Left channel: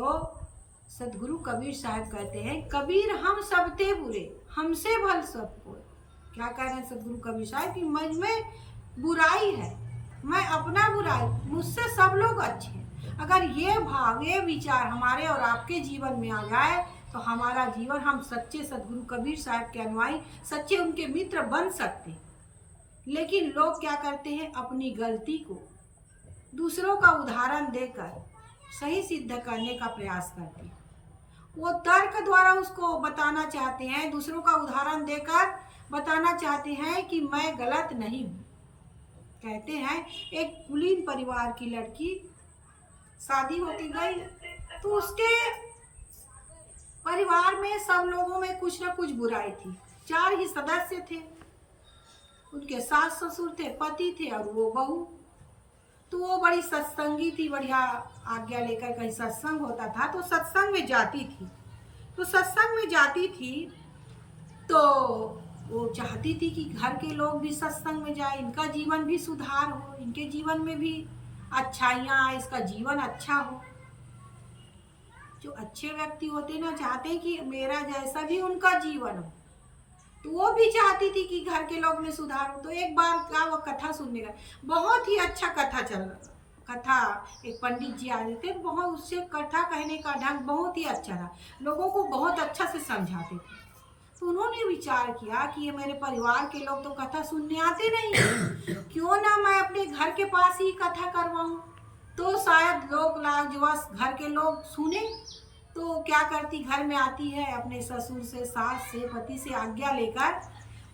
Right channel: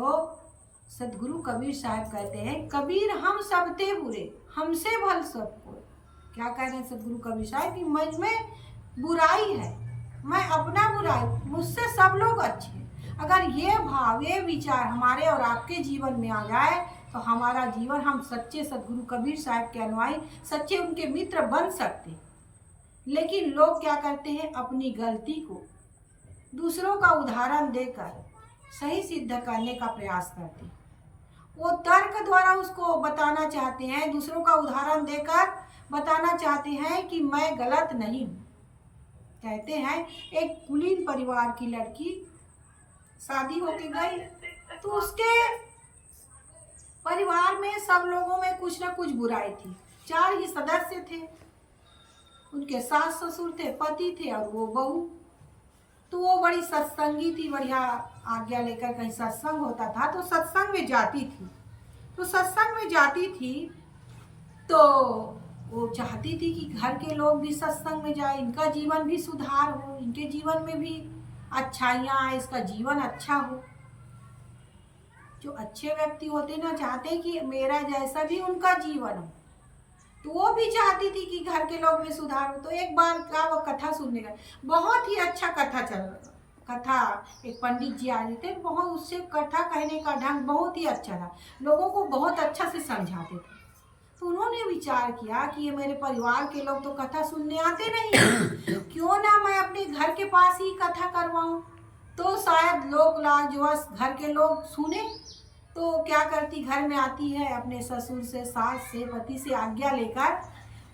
तो सदगुरु कबीर साहब कहते हैं, कबीर हम सब ते बुरे, हमसे भल सब कोई। क्या कह रहे हैं सदगुरु कबीर साहब कि मुझ में बुराई है, मैं अपना बुराई, मुझसे सब लोग अच्छे हैं। अगर ये भाव, ये विचार हमारे और आपके जीवन में आ जाए तो हमारा जीवन, हम सच्चे सदगुरु कबीर साहब के अनुयायी, सच्चे उनके मित्र बन सकते। लेकिन लोग क्या करते हैं, अपनी गलती को दूसरों का उदाहरण देकर सही सिद्ध करने का प्रयास करते हैं। वो तर्क द्वारा उसको बताना चाहते हैं, दूसरों का उदाहरण देकर बताना चाहते हैं कि मैं गलत नहीं हूँ। कहते हैं एक कुलीन परिवार की लड़की शादी होके गई तो उसके परिवार में सब लोगों में कुछ ना कुछ बुराई थी। 4 ही सदस्य थे, उनके सास ससुर थे, पति थे और वो बहू। तो वो बड़ी सत्संगी थी, बढ़िया आज्ञा लेकर कहीं सत्संग होता था तो सत्संग में जाती थी। तो सत्संग में जाती थी तो वो चाहती थी कि घर के लोग भी सत्संग में जाए, इनका जीवन भी सुधार हो, इनके जीवन में भी अच्छाइयाँ आए, इसका जीवन अच्छा हो। जो अच्छे व्यक्ति होते ना, चाहते कि मेरा जैसा भी उनका जीवन हो। तो वो भी चाहती थी कि घर के लोग में सुधार हो। तो एक बार का वो कथा सुनने गए, बहुत ही अच्छा कथा चल रहा, कथा एक पंडित जी आए थे, बहुत उससे कथा कहने का ढंग बहुत ही अच्छा था, लोगों को बहुत अच्छा से समझाते थे। तो उन्होंने विचार किया कि ये मेरे परिवार के लोग तो कथा सुनने आते नहीं, क्यों ना मैं अपने घर के पास ही कथा करवाऊं, तो शायद लोग लाग जो घर के लोग सुने। तो क्या करती, घर में आती है, अपने ससुर से, सास से, पति से आज्ञा लेकर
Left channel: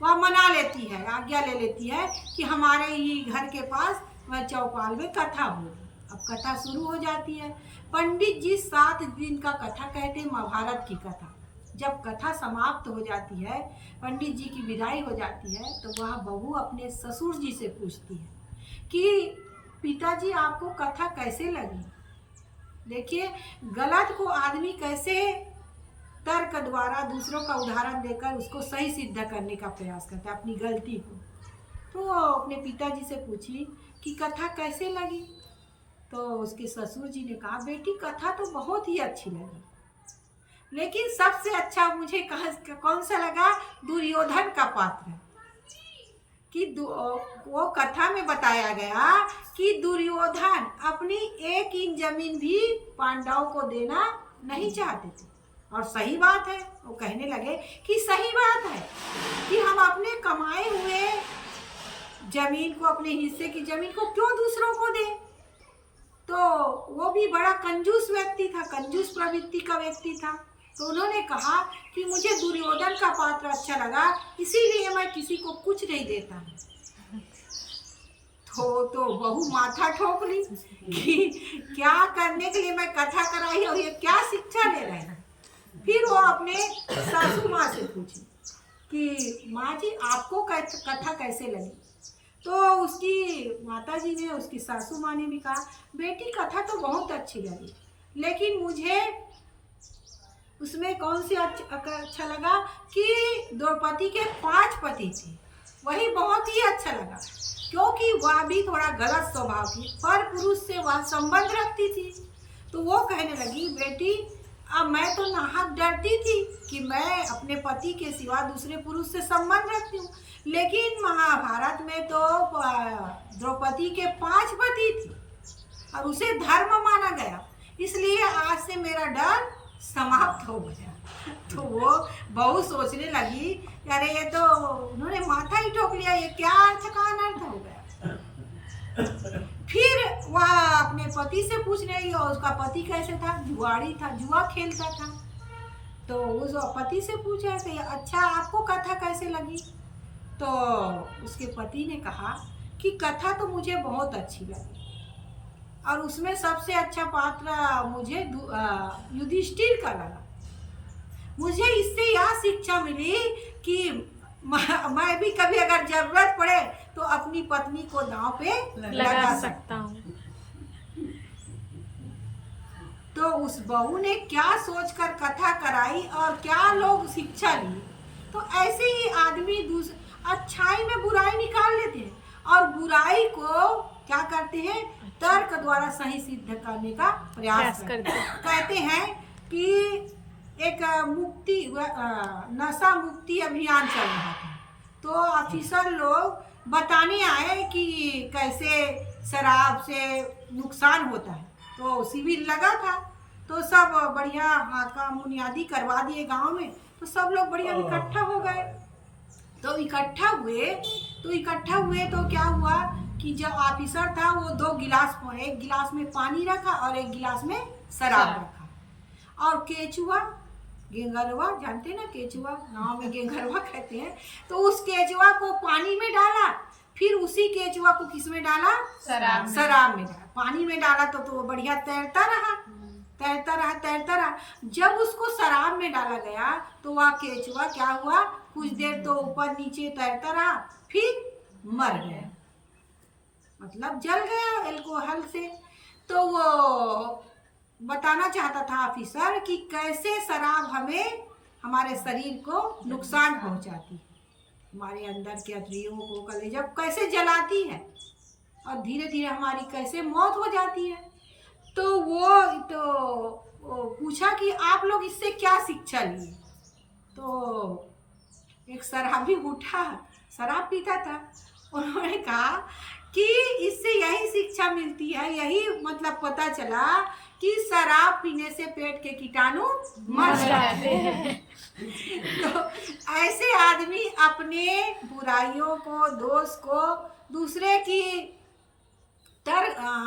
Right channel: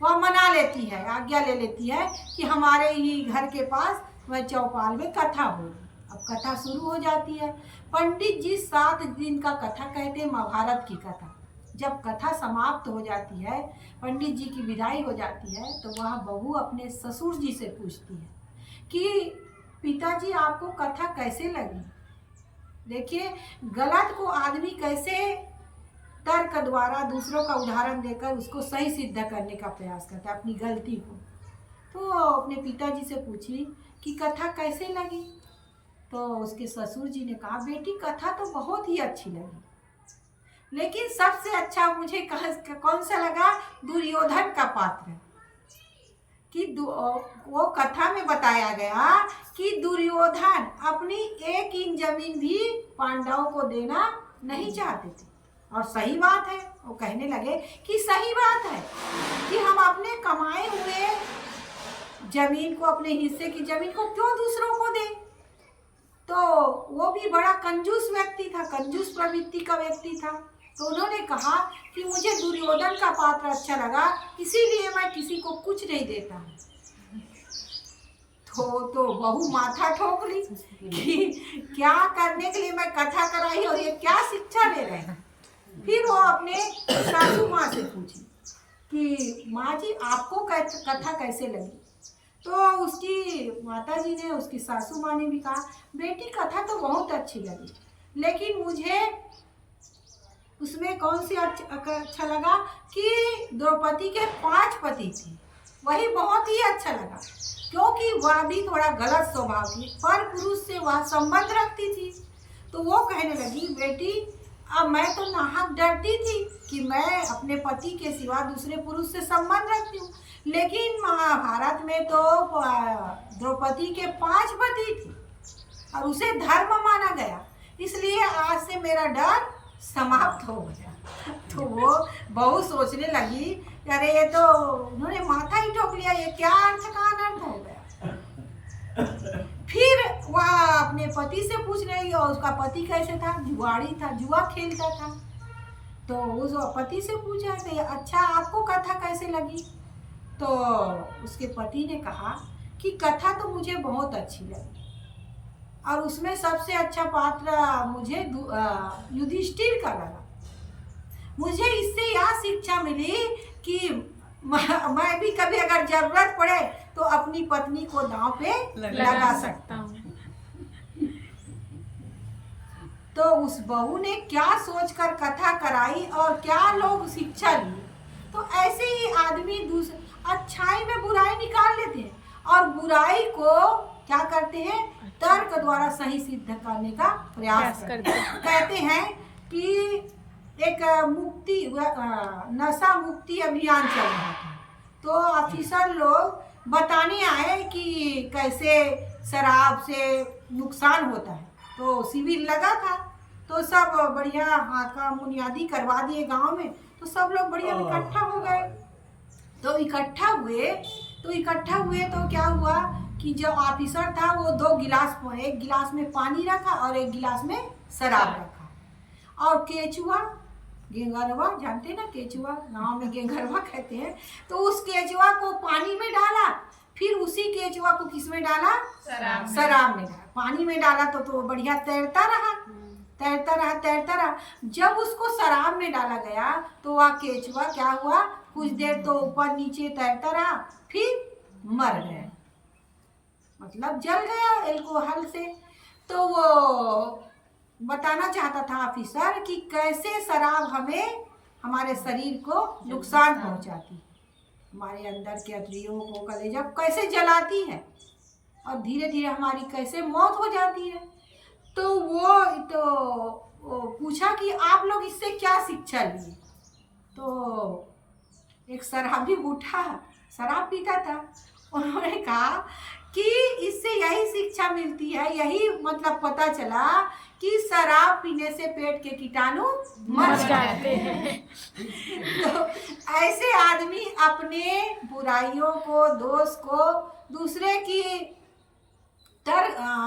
वह मना लेती है, आज्ञा ले लेती है कि हमारे ही घर के पास वह चौपाल में कथा होगी। अब कथा शुरू हो जाती है। पंडित जी 7 दिन का कथा कहते हैं, महाभारत की कथा। जब कथा समाप्त हो जाती है, पंडित जी की विदाई हो जाती है, तो वह बहू अपने ससुर जी से पूछती है कि पिताजी आपको कथा कैसे लगी। देखिए, गलत को आदमी कैसे तर्क द्वारा, दूसरों का उदाहरण देकर उसको सही सिद्ध करने का प्रयास करता है, अपनी गलती को। तो अपने पिताजी से पूछी कि कथा कैसे लगी। तो उसके ससुर जी ने कहा, बेटी कथा तो बहुत ही अच्छी लगी, लेकिन सबसे अच्छा मुझे कौन सा लगा, दुर्योधन का पात्र। कि वो कथा में बताया गया कि दुर्योधन अपनी 1 इंच जमीन भी पांडवों को देना नहीं चाहते थे। और सही बात है, वो कहने लगे कि सही बात है कि हम अपने कमाए हुए जमीन को, अपने हिस्से की जमीन को क्यों दूसरों को दें। तो वो भी बड़ा कंजूस व्यक्ति था, कंजूस प्रवृत्ति का व्यक्ति था। तो उन्होंने कहा कि मुझे दुर्योधन का पात्र अच्छा लगा, इसीलिए मैं किसी को कुछ नहीं देता हूँ। तो बहू माथा ठोक ली कि क्या करने के लिए मैं कथा कराई और ये क्या शिक्षा ले रहे हैं। फिर वो अपने सासू माँ से पूछी कि माँ जी आपको कथा कैसे लगी। तो उसकी माता जी ने, उसकी सासू माँ ने भी कहा, बेटी कथा तो बहुत अच्छी लगी, लेकिन मुझे उसमें कौन सी अच्छा लगा कि द्रौपदी के 5 पति थे, वही बहुत ही अच्छा लगा, क्योंकि वह भी थोड़ा गलत स्वभाव की, पर पुरुष से वह संबंध रखती थी। तो वो कहने लगी, बेटी अब मैं तो नाहक डरती थी कि मैं अपने पति के सिवा दूसरे पुरुष से संबंध रखती हूँ, लेकिन महाभारत में तो द्रौपदी के 5 पति थे और उसे धर्म माना गया, इसलिए आज से मेरा डर समाप्त हो गया। तो वो बहू सोचने लगी, अरे ये तो उन्होंने माथा ही ठोक लिया, ये क्या अर्थ का अनर्थ हो गया। फिर वह अपने पति से पूछने लगी, और उसका पति कैसे था, जुआड़ी था, जुआ खेलता था। तो उस पति से पूछा कि अच्छा आपको कथा कैसे लगी। तो उसके पति ने कहा कि कथा तो मुझे बहुत अच्छी लगी, और उसमें सबसे अच्छा पात्र मुझे युधिष्ठिर का लगा। मुझे इससे यह शिक्षा मिली कि मैं भी कभी अगर जरूरत पड़े तो अपनी पत्नी को दांव पे लगा सकता हूँ। तो उस बहू ने क्या सोचकर कथा कराई और क्या लोग शिक्षा लिए। तो ऐसे ही आदमी अच्छाई में बुराई निकाल लेते हैं और बुराई को क्या करते हैं, तर्क द्वारा सही सिद्ध करने का प्रयास करते हैं। कहते हैं कि एक नशा मुक्ति अभियान चल रहा था, तो ऑफिसर लोग बताने आए कि कैसे शराब से नुकसान होता है। तो शिविर लगा था, तो सब बढ़िया हाका बुनियादी करवा दिए गांव में। तो सब लोग बढ़िया इकट्ठा हो गए। तो इकट्ठा हुए तो क्या हुआ कि जो ऑफिसर था वो 2 गिलास, एक गिलास में पानी रखा और एक गिलास में शराब रखा। और केचुआ, गेंगरवा, जानते हैं ना केचुआ, गांव में गेंगरवा कहते हैं, तो उस केचुआ को पानी में डाला, फिर उसी केचुआ को किस में डाला, शराब में डाला। पानी में डाला तो बढ़िया तैरता रहा। जब उसको शराब में डाला गया तो वह केचुआ क्या हुआ, कुछ देर तो ऊपर नीचे तैरता रहा, फिर मर गया, मतलब जल गया अल्कोहल से। तो वो बताना चाहता था ऑफिसर कि कैसे शराब हमें, हमारे शरीर को नुकसान पहुंचाती है, हमारे अंदर के अतरियों को, कलेजा कैसे जलाती है और धीरे धीरे हमारी कैसे मौत हो जाती है। तो वो पूछा कि आप लोग इससे क्या शिक्षा लिए। तो एक शराबी उठा, शराब पीता था, उन्होंने कहा कि इससे यही शिक्षा मिलती है, यही मतलब पता चला कि शराब पीने से पेट के कीटाणु मर जाते हैं। तो ऐसे आदमी अपने बुराइयों को, दोष को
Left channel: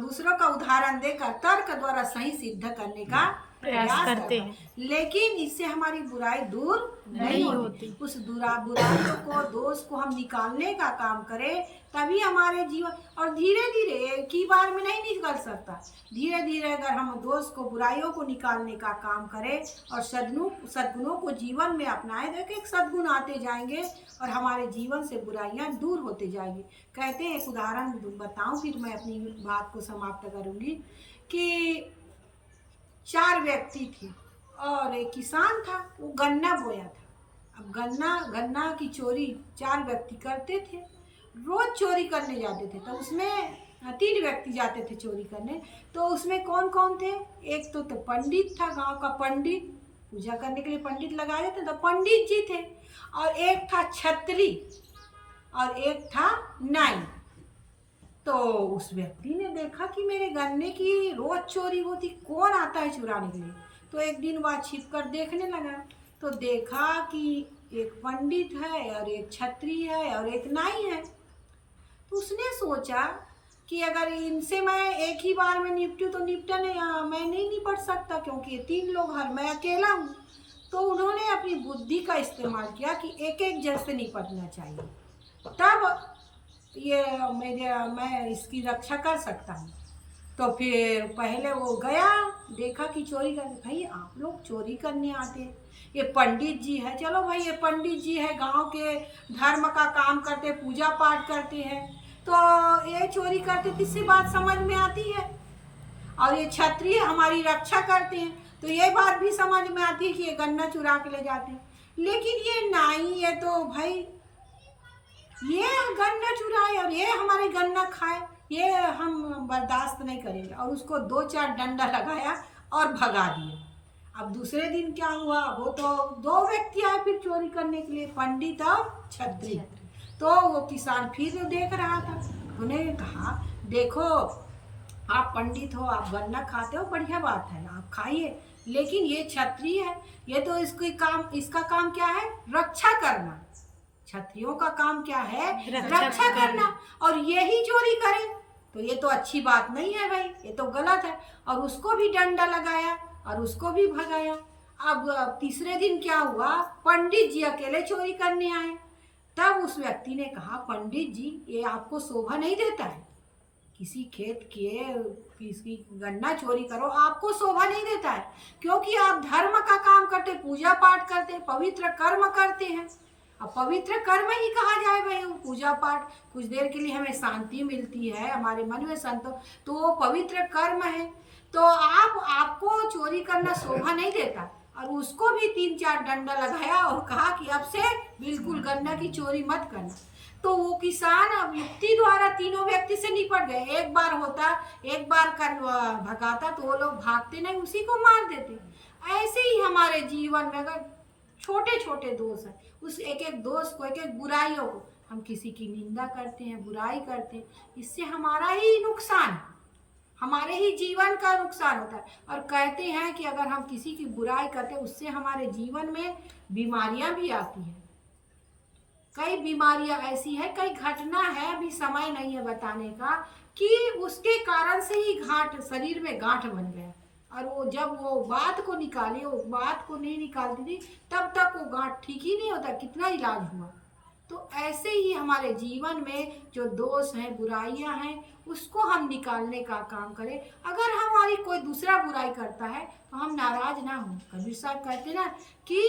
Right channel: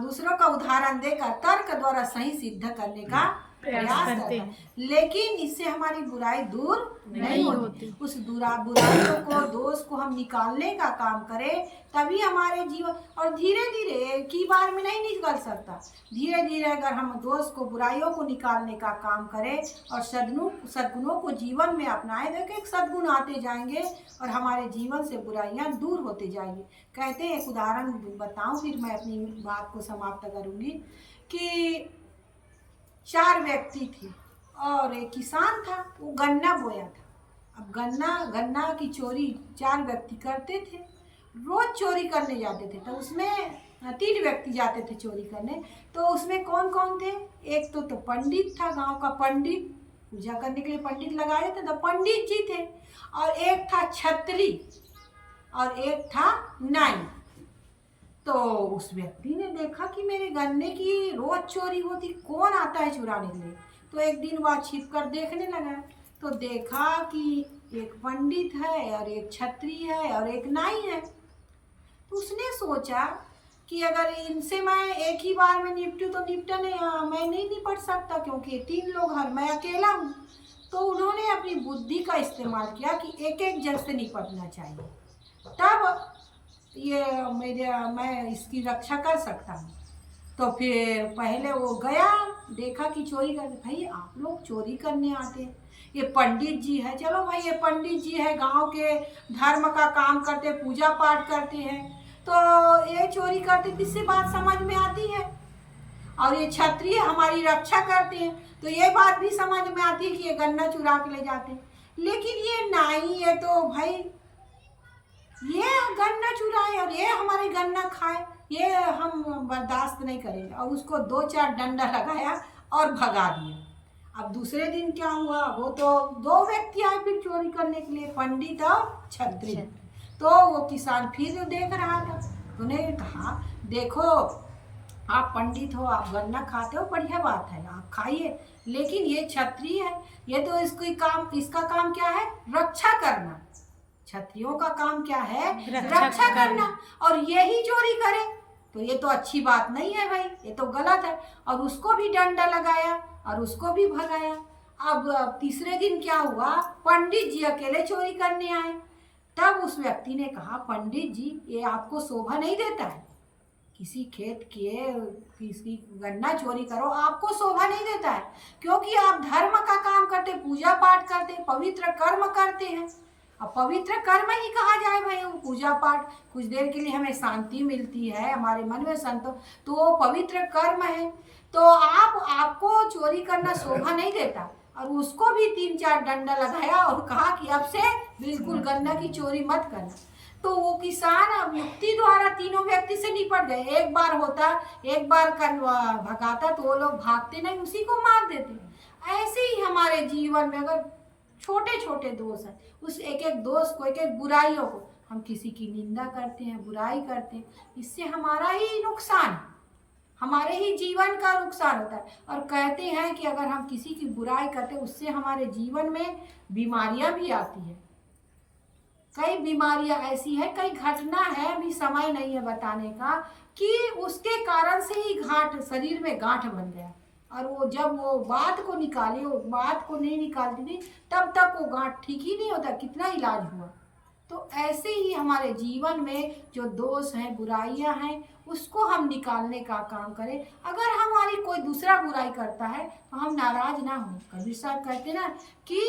दूसरों का उदाहरण देकर तर्क द्वारा सही सिद्ध करने का प्रयास करते हैं, लेकिन इससे हमारी बुराई दूर नहीं होती। उस बुराइयों को, दोष को हम निकालने का काम करें, तभी हमारे जीवन, और धीरे धीरे एक ही बार में नहीं निकल सकता। धीरे धीरे अगर हम दोष को, बुराइयों को निकालने का काम करें और सद्गुणों को जीवन में अपनाएं, तो एक सद्गुण आते जाएंगे और हमारे जीवन से बुराइयां दूर होते जाएंगी। कहते हैं, एक उदाहरण बताऊं, फिर मैं अपनी बात को समाप्त करूंगी, कि 4 व्यक्ति थे और एक किसान था, वो गन्ना बोया था। अब गन्ना की चोरी 4 व्यक्ति करते थे, रोज चोरी करने जाते थे। तो उसमें 3 व्यक्ति जाते थे चोरी करने। तो उसमें कौन कौन थे, एक तो पंडित था, गांव का पंडित, पूजा करने के लिए पंडित लगा देते, तो पंडित जी थे, और एक था छत्री और एक था नाई। तो उस व्यक्ति ने देखा कि मेरे गन्ने की रोज चोरी होती, कौन आता है चुराने के लिए। तो एक दिन वह छिप कर देखने लगा, तो देखा कि एक पंडित है और एक छत्री है और एक नाई है। तो उसने सोचा कि अगर इनसे मैं एक ही बार में निपटूं तो मैं नहीं निपट सकता, क्योंकि 3 लोग हैं, मैं अकेला हूँ। तो उन्होंने अपनी बुद्धि का इस्तेमाल किया कि एक एक जन से निपटना चाहिए, तब मैं इसकी रक्षा कर सकता हूँ। तो फिर पहले वो गया, देखा कि चोरी करने, भाई आप लोग चोरी करने आते हैं, ये पंडित जी है, चलो भाई ये पंडित जी है, गांव के धर्म का काम करते, पूजा पाठ करते हैं, तो ये चोरी करते, किससे बात समझ में आती है। और ये क्षत्रिय हमारी रक्षा करते हैं, तो ये बात भी समझ में आती है कि ये गन्ना चुरा के ले जाते हैं। लेकिन ये नाई है, तो भाई ये गन्ना चुराए और ये हमारे गन्ना खाए, ये हम बर्दाश्त नहीं करेंगे। और उसको 2-4 डंडा लगाया और भगा दिया। अब दूसरे दिन क्या हुआ, वो तो 2 व्यक्ति आए फिर चोरी करने के लिए, पंडित और छत्री। तो वो किसान फिर देख रहा था, उन्हें कहा, देखो आप पंडित हो, आप गन्ना खाते हो, बढ़िया बात है, आप खाइए, लेकिन ये क्षत्रिय है, ये तो इसका काम क्या है, रक्षा करना। क्षत्रियों का काम क्या है, रक्षा करना, और यही चोरी करे तो ये तो अच्छी बात नहीं है भाई, ये तो गलत है। और उसको भी डंडा लगाया और उसको भी भगाया। अब तीसरे दिन क्या हुआ, पंडित जी अकेले चोरी करने आए। तब उस व्यक्ति ने कहा, पंडित जी ये आपको शोभा नहीं देता है, किसी खेत के किसी गन्ना चोरी करो, आपको शोभा नहीं देता है, क्योंकि आप धर्म का काम करते, पूजा पाठ करते, पवित्र कर्म करते हैं। अब पवित्र कर्म ही कहा जाए भाई, पूजा पाठ, कुछ देर के लिए हमें शांति मिलती है, हमारे मन में संतोष, तो वो पवित्र कर्म है। तो आपको चोरी करना शोभा नहीं देता। और उसको भी 3-4 डंडा लगाया और कहा कि अब से बिल्कुल गन्ना की चोरी मत करना। तो वो किसान अब युक्ति द्वारा तीनों व्यक्ति से निपट गए। एक बार होता, एक बार भगाता तो वो लोग भागते नहीं, उसी को मार देते। ऐसे ही हमारे जीवन में अगर छोटे छोटे दोष हैं, उस एक एक दोष को, एक एक बुराइयों को हम किसी की निंदा करते हैं, बुराई करते हैं, इससे हमारा ही नुकसान है, हमारे ही जीवन का नुकसान होता है। और कहते हैं कि अगर हम किसी की बुराई करते हैं उससे हमारे जीवन में बीमारियां भी आती हैं। कई बीमारियां ऐसी है, कई घटना है, अभी समय नहीं है बताने का, कि उसके कारण से ही शरीर में गांठ बन गया, और वो जब वो बात को निकाली, वो बात को नहीं निकालती थी, तब तक वो गांठ ठीक ही नहीं होता, कितना इलाज हुआ। तो ऐसे ही हमारे जीवन में जो दोष हैं, बुराइयां हैं, उसको हम निकालने का काम करें। अगर हमारी कोई दूसरा बुराई करता है तो हम नाराज ना हो। कबीर साहब कहते ना कि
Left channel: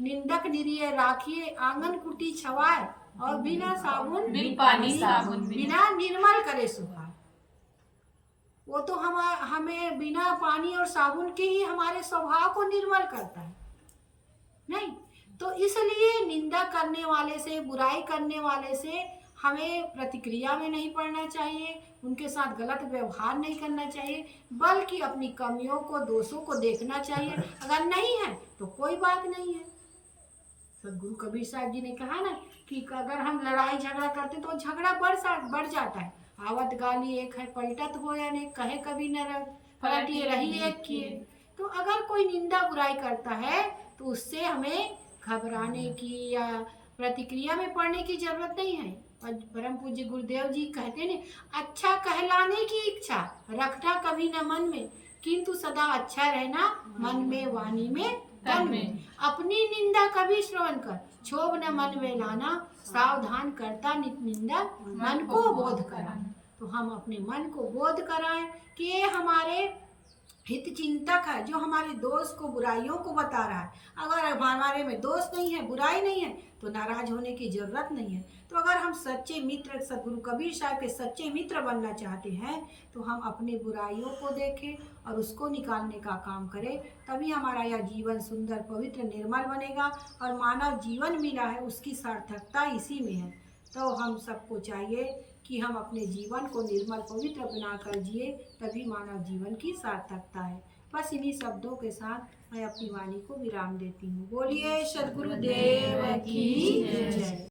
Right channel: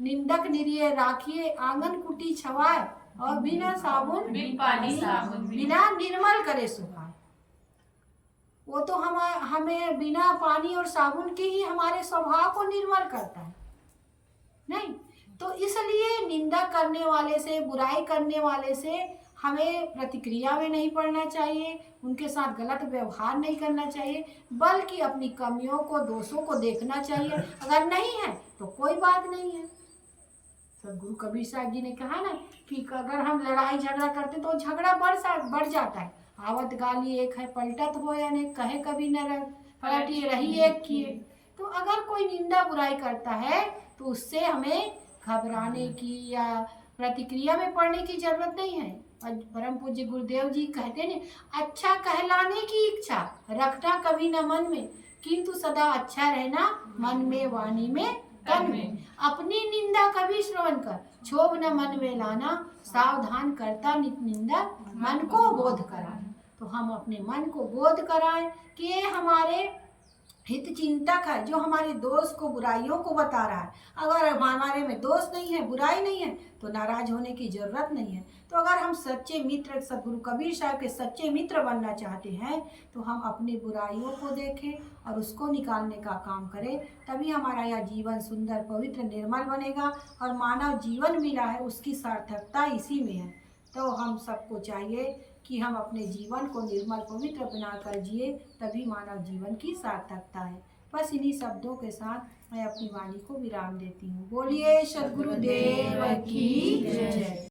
निंदक निरिय राखिए, आंगन कुटी छवाए, और बिना साबुन बिना निर्मल करे सुखाए। वो तो हमें बिना पानी और साबुन के ही हमारे स्वभाव को निर्मल करता है, नहीं तो इसलिए निंदा करने वाले से, बुराई करने वाले से हमें प्रतिक्रिया में नहीं पड़ना चाहिए, उनके साथ गलत व्यवहार नहीं करना चाहिए, बल्कि अपनी कमियों को, दोषों को देखना चाहिए। अगर नहीं है तो कोई बात नहीं है। सदगुरु कबीर साहब जी ने कहा ना कि अगर हम लड़ाई झगड़ा करते तो झगड़ा बढ़ जाता है। आवत गाली एक है, पलटत हो या नहीं, कहे कभी न पलटिए रही एक किए। तो अगर कोई निंदा बुराई करता है तो उससे हमें घबराने की या प्रतिक्रिया में पड़ने की जरूरत नहीं है। परम पूज्य गुरुदेव जी कहते ने, अच्छा कहलाने की इच्छा रखना कभी न मन में, किंतु सदा अच्छा रहना मन में, वाणी में, तन में। अपनी निंदा कभी श्रवण कर, क्षोभ न मन में लाना, सावधान करता नित निंदा, मन को बोध करा। तो हम अपने मन को बोध कराएं कि ये हमारे हित चिंतक है, जो हमारे दोष को, बुराइयों को बता रहा है। अगर हमारे में दोष नहीं है, बुराई नहीं है, तो नाराज होने की जरूरत नहीं है। तो अगर हम सच्चे मित्र, सदगुरु कबीर साहब के सच्चे मित्र बनना चाहते हैं, तो हम अपनी बुराइयों को देखें और उसको निकालने का काम करें, तभी हमारा यह जीवन सुंदर, पवित्र, निर्मल बनेगा। और मानव जीवन मिला है, उसकी सार्थकता इसी में है। तो हम सबको चाहिए कि हम अपने जीवन को निर्मल, पवित्र बनाकर जिए, तभी मानव जीवन की सार्थकता है। बस इन्हीं शब्दों के साथ मैं अपनी वाणी को विराम देती हूँ। बोलिए सद्गुरुदेव की जय।